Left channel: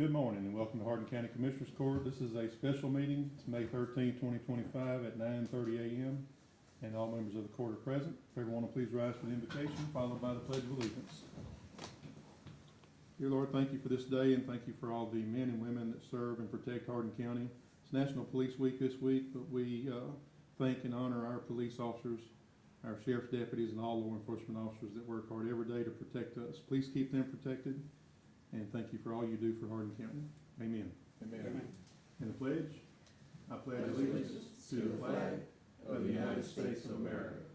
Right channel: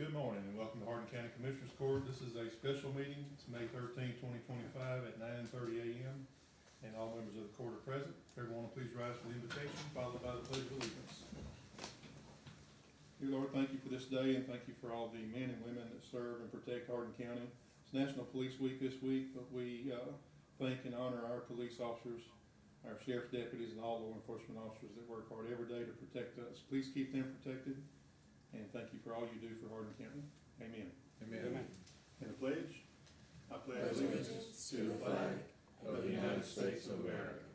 Good morning and welcome to Hardin County Commissioners Court. This is a special meeting. It's May 13, 2025 at 9:30 a.m. and all members of the court are present. If everyone will please rise for the invocation, followed by the Pledge of Allegiance. Dear Lord, thank you for this day and thank you for all the men and women that serve and protect Hardin County. It's National Police Week this week, but we thank and honor our police officers, our sheriff's deputies, and all law enforcement officers that work hard every day to protect us. Please keep them protected. And thank you for all you do for Hardin County. Amen. Amen. And the pledge? I pledge Allegiance to the flag of the United States of America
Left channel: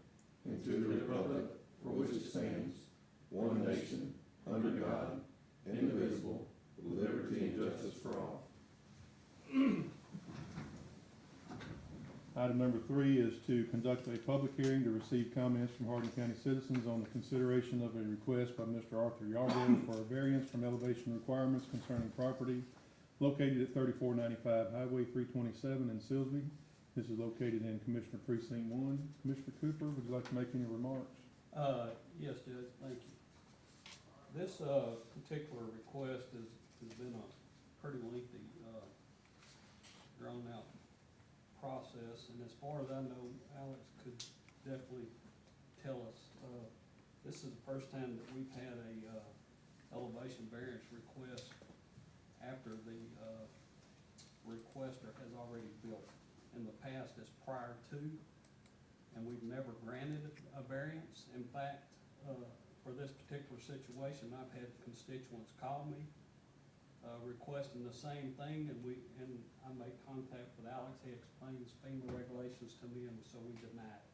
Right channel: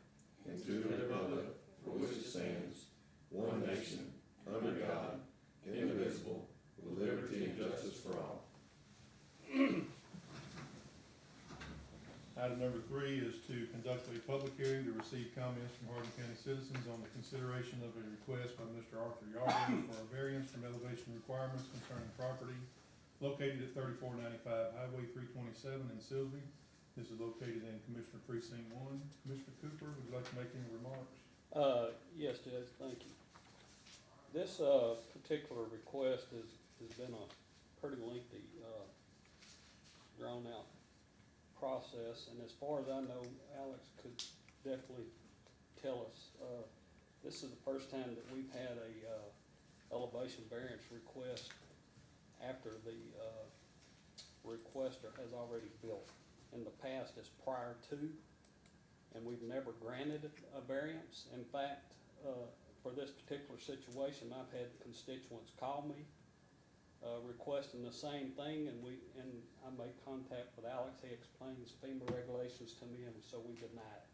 and to the republic for which it stands, one nation, under God, indivisible, with liberty and justice for all. Item number 3 is to conduct a public hearing to receive comments from Hardin County citizens on the consideration of a request by Mr. Arthur Yarborough for a variance from elevation requirements concerning property located at 3495 Highway 327 in Silsbee. This is located in Commissioner Precinct 1. Commissioner Cooper, would you like to make any remarks? Yes, Judge, thank you. This particular request has been a pretty lengthy, drawn-out process, and as far as I know, Alex could definitely tell us, this is the first time that we've had a elevation variance request after the requester has already built. In the past, it's prior to, and we've never granted a variance. In fact, for this particular situation, I've had constituents call me requesting the same thing, and I made contact with Alex. He explains FEMA regulations to me, and so we denied it.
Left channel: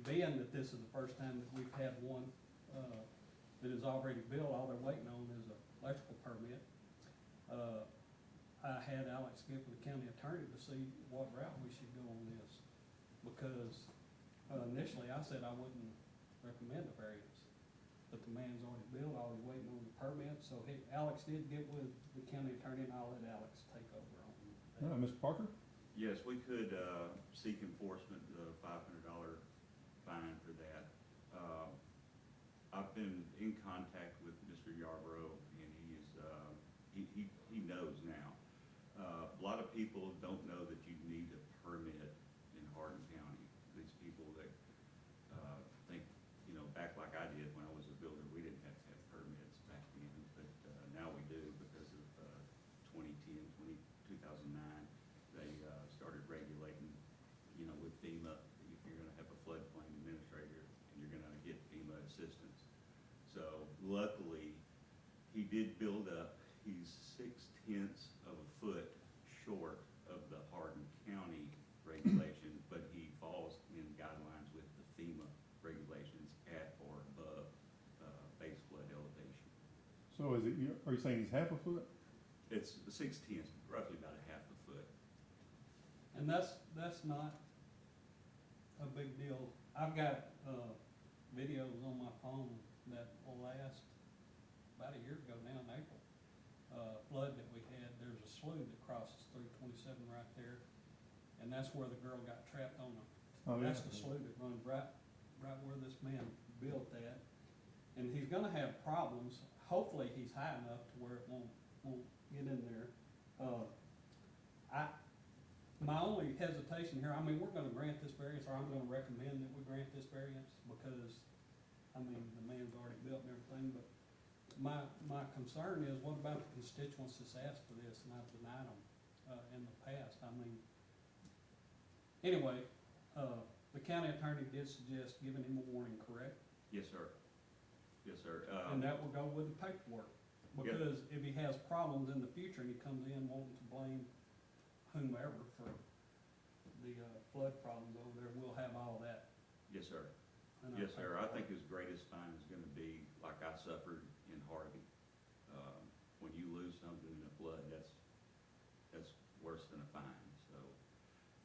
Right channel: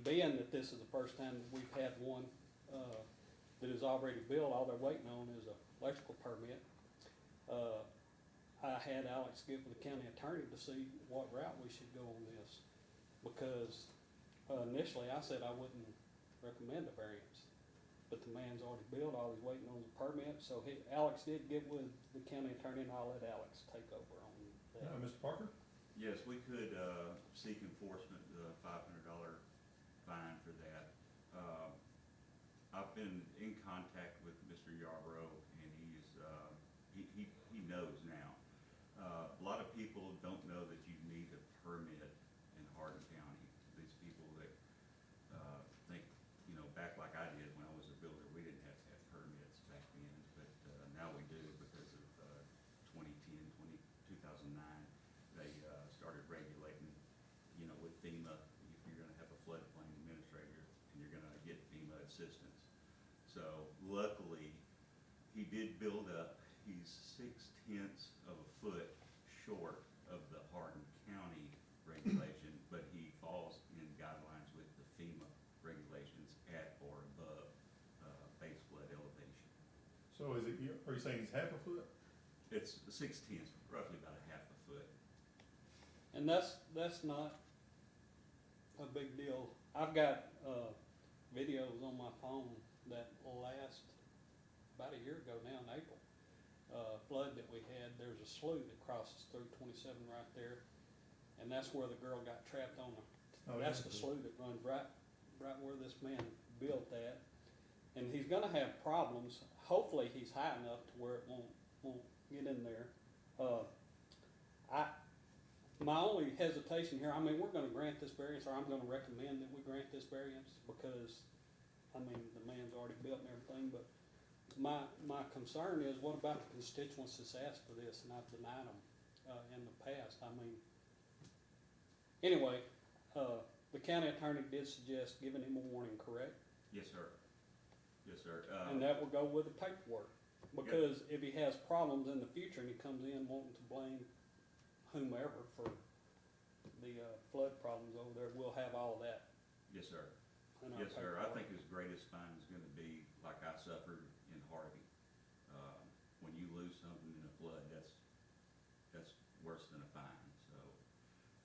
Being that this is the first time that we've had one that is already built, all they're waiting on is an electrical permit. I had Alex get with the county attorney to see what route we should go on this, because initially I said I wouldn't recommend a variance, but the man's already built, all he's waiting on the permit, so Alex did get with the county attorney, and I'll let Alex take over on that. Mr. Parker? Yes, we could seek enforcement, $500 fine for that. I've been in contact with Mr. Yarborough, and he knows now. A lot of people don't know that you need a permit in Hardin County. These people that think, back like I did when I was a builder, we didn't have to have permits back then, but now we do because of 2010, 2009. They started regulating, with FEMA, if you're going to have a floodplain administrator and you're going to get FEMA assistance. So luckily, he did build up. He's 0.6 of a foot short of the Hardin County regulation, but he falls in guidelines with the FEMA regulations at or above base flood elevation. So are you saying he's half a foot? It's 0.6, roughly about a half a foot. And that's not a big deal. I've got videos on my phone that last about a year ago now in April. Flood that we had, there's a slough that crosses through 27 right there, and that's where the girl got trapped on the, that's the slough that runs right where this man built that. And he's gonna have problems. Hopefully he's high enough to where it won't get in there. My only hesitation here, we're gonna grant this variance, or I'm gonna recommend that we grant this variance, because, the man's already built and everything, but my concern is, what about the constituents that's asked for this, and I've denied them in the past? Anyway, the county attorney did suggest giving him a warning, correct? Yes, sir. Yes, sir. And that will go with the paperwork, because if he has problems in the future and he comes in wanting to blame whomever for the flood problems over there, we'll have all that. Yes, sir. Yes, sir. I think his greatest fine is going to be like I suffered in Hardin. When you lose something in a flood, that's worse than a fine. So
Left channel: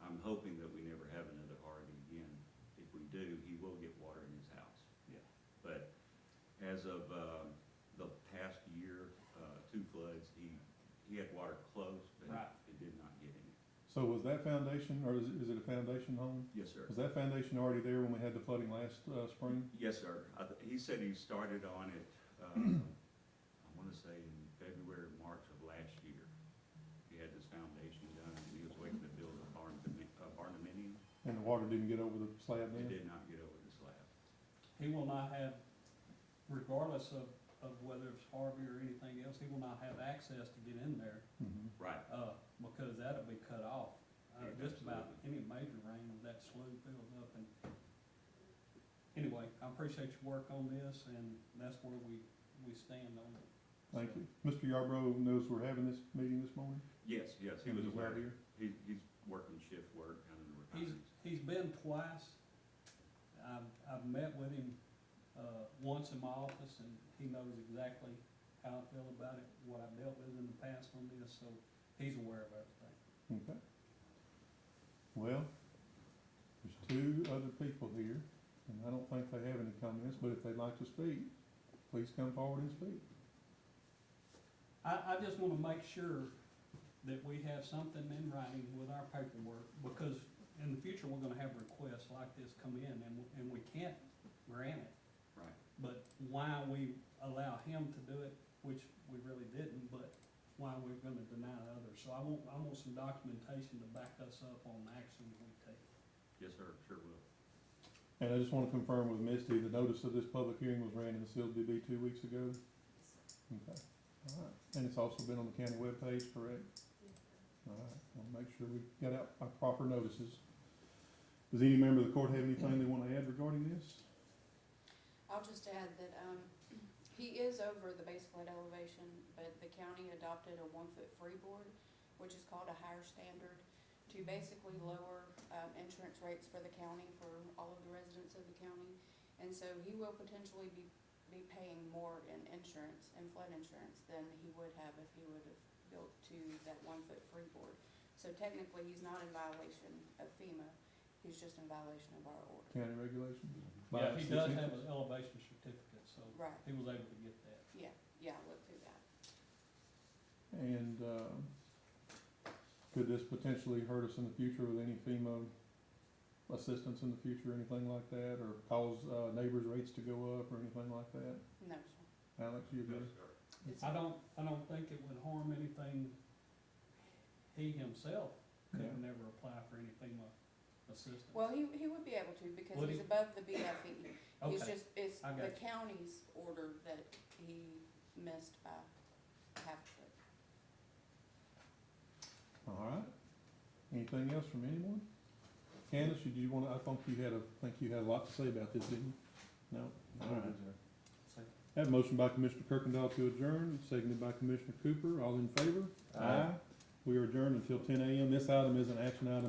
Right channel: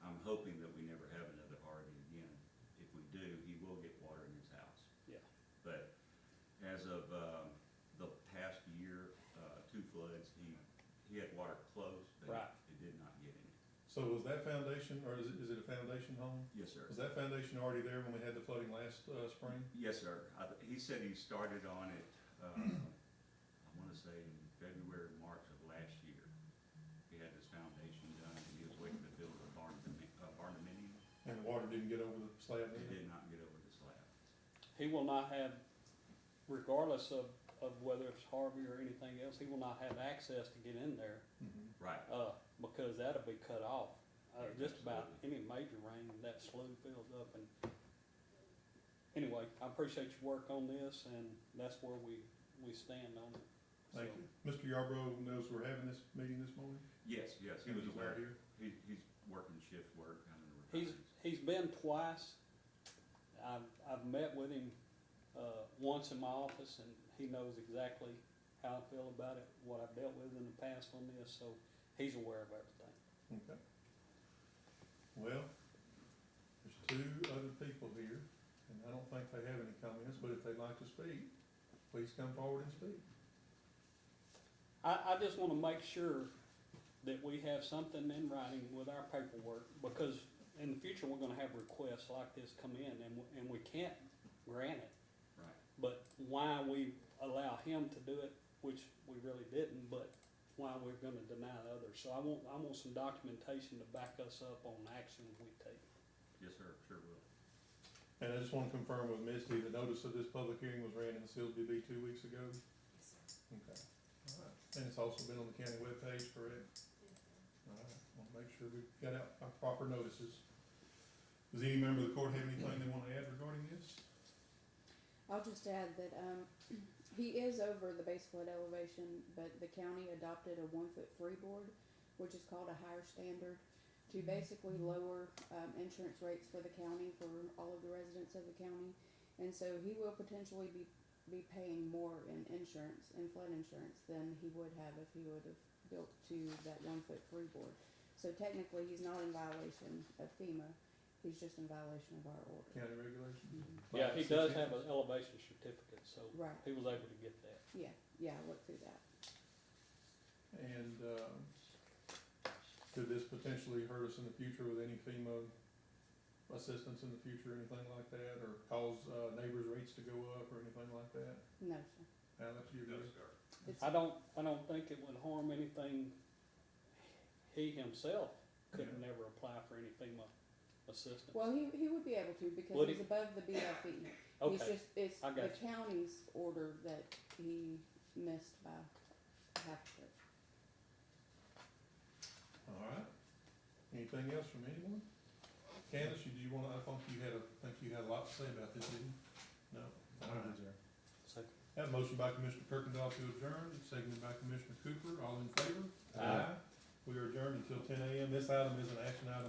I'm hoping that we never have another Hardin again. If we do, he will get water in his house. Yeah. But as of the past year, 2 floods, he had water close, but right. it did not get in it. So was that foundation, or is it a foundation home? Yes, sir. Was that foundation already there when we had the flooding last spring? Yes, sir. He said he started on it, I want to say in February. water didn't get over the slab It then? did not get over the slab. He will not have, regardless of whether it's Harvey or anything else, he will not have access to get in there, Mhm. Right. because that'll be cut off. Just about Absolutely. any major rain, that slough fills up and, anyway, I appreciate your work on this, and that's where we stand on it. Thank So, you. Mr. Yarbrough knows we're having this meeting this morning? Yes, he And was he's aware. out here? He's working shift work and He's, retirement. he's been twice. I've met with him, once in my office, and he knows exactly how I feel about it, what I've dealt with in the past on this, so he's aware of everything. Okay. Well, there's two other people here, and I don't think they have any comments, but if they'd like to speak, please come forward and speak. I just wanna make sure that we have something in writing with our paperwork, because in the future, we're gonna have requests like this come in, and we can't grant it. Right. But why we allow him to do it, which we really didn't, but why we're gonna deny others. So I want some documentation to back us up on actions we take. Yes, sir, sure will. And I just wanna confirm with Misty, the notice of this public hearing was ran in the Silsbee Bee 2 weeks ago? Okay, all right. And it's also been on the county webpage, correct? All right, we'll make sure we get out our proper notices. Does any member of the court have anything they wanna add regarding this? I'll just add that, he is over the base flood elevation, but the county adopted a 1-foot freeboard, which is called a higher standard, to basically lower, insurance rates for the county, for all of the residents of the county. And so he will potentially be paying more in insurance, in flood insurance, than he would have if he would have built to that 1-foot freeboard. So technically, he's not in violation of FEMA, he's just in violation of our order. County regulations? Yeah, he does have an elevation certificate, so Right, he was able to get that. yeah, I looked through that. And, could this potentially hurt us in the future with any FEMA assistance in the future, anything like that, or cause, neighbors' rates to go up or anything like that? No, sir. Alex, you agree? It's- I don't think it would harm anything. He himself could Yeah. never apply for any FEMA assistance. Well, he would be able to, because Would he's he? above the BFE. He's Okay, just, it's I the got you. county's order that he missed by half a foot. All right. Anything else from anyone? Candace, did you wanna, I think you had a lot to say about this, didn't you? No? All right. Second. Have a motion by Commissioner Kirkendall to adjourn, seconded by Commissioner Cooper. All in favor? Aye. We are adjourned until 10 a.m. This item is an action item